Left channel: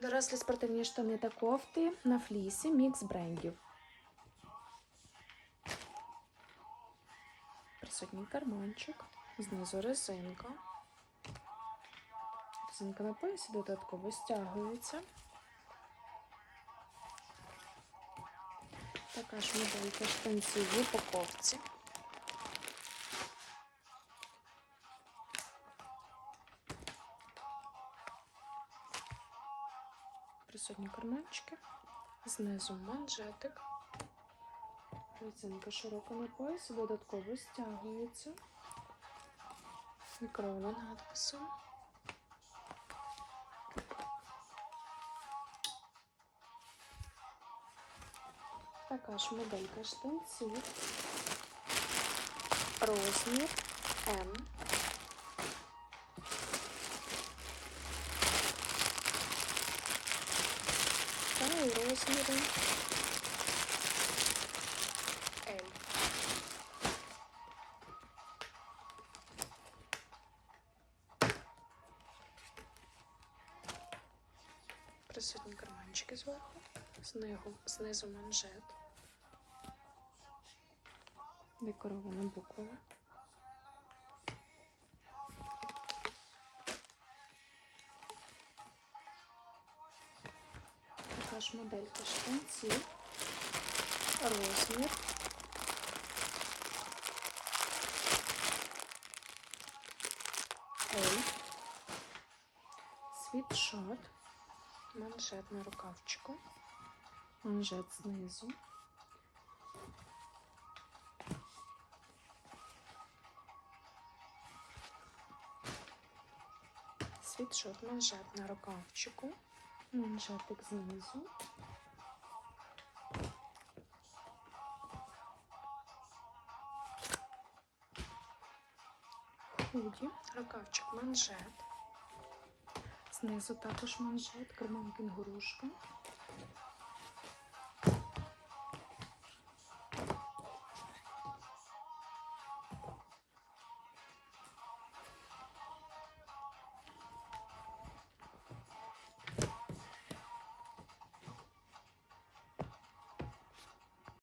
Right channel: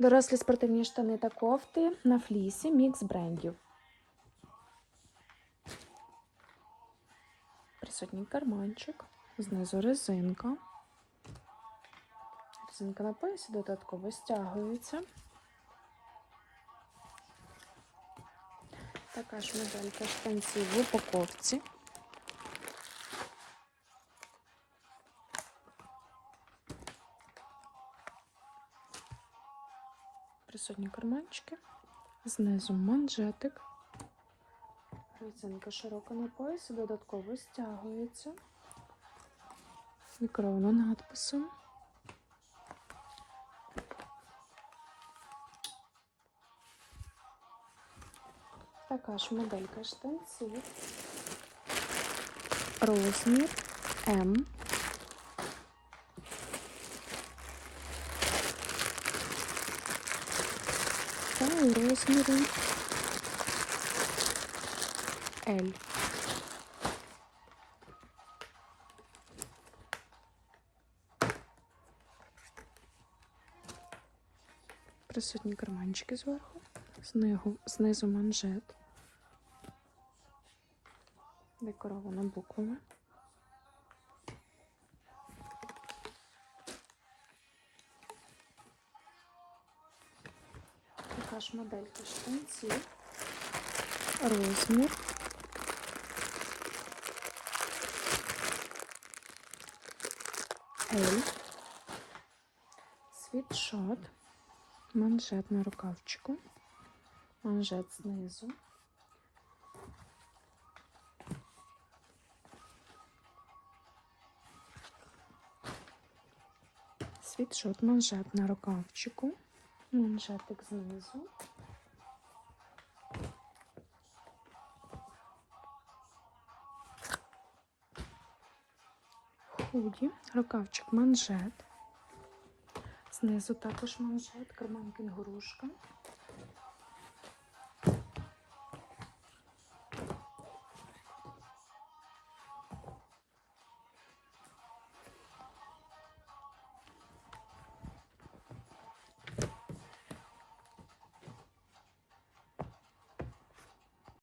Дорослі спортивні штани та кофти на флісі, мікс брендів. Присутній карманчик, знизу резинка. Резинка на поясі додатково стягується. Така ж моделька штанців в упаковці. Присутні карманчики, знизу манжетик. Резинка широка на поясі, додатково стягується. Мікровна надписом. Така ж моделька штанців. Розмір М. розміру L. Присутні карманчики зверху, знизу, знизу манжет, декорована буквами. Ж моделька штанців, розмір. Світшот, манжет на рукавчику, манжет знизу. Світшот, манжет на рукавчику, манжетик знизу. Худі, рукавчик манжет. Знизу також манжет, карман кінгурушка.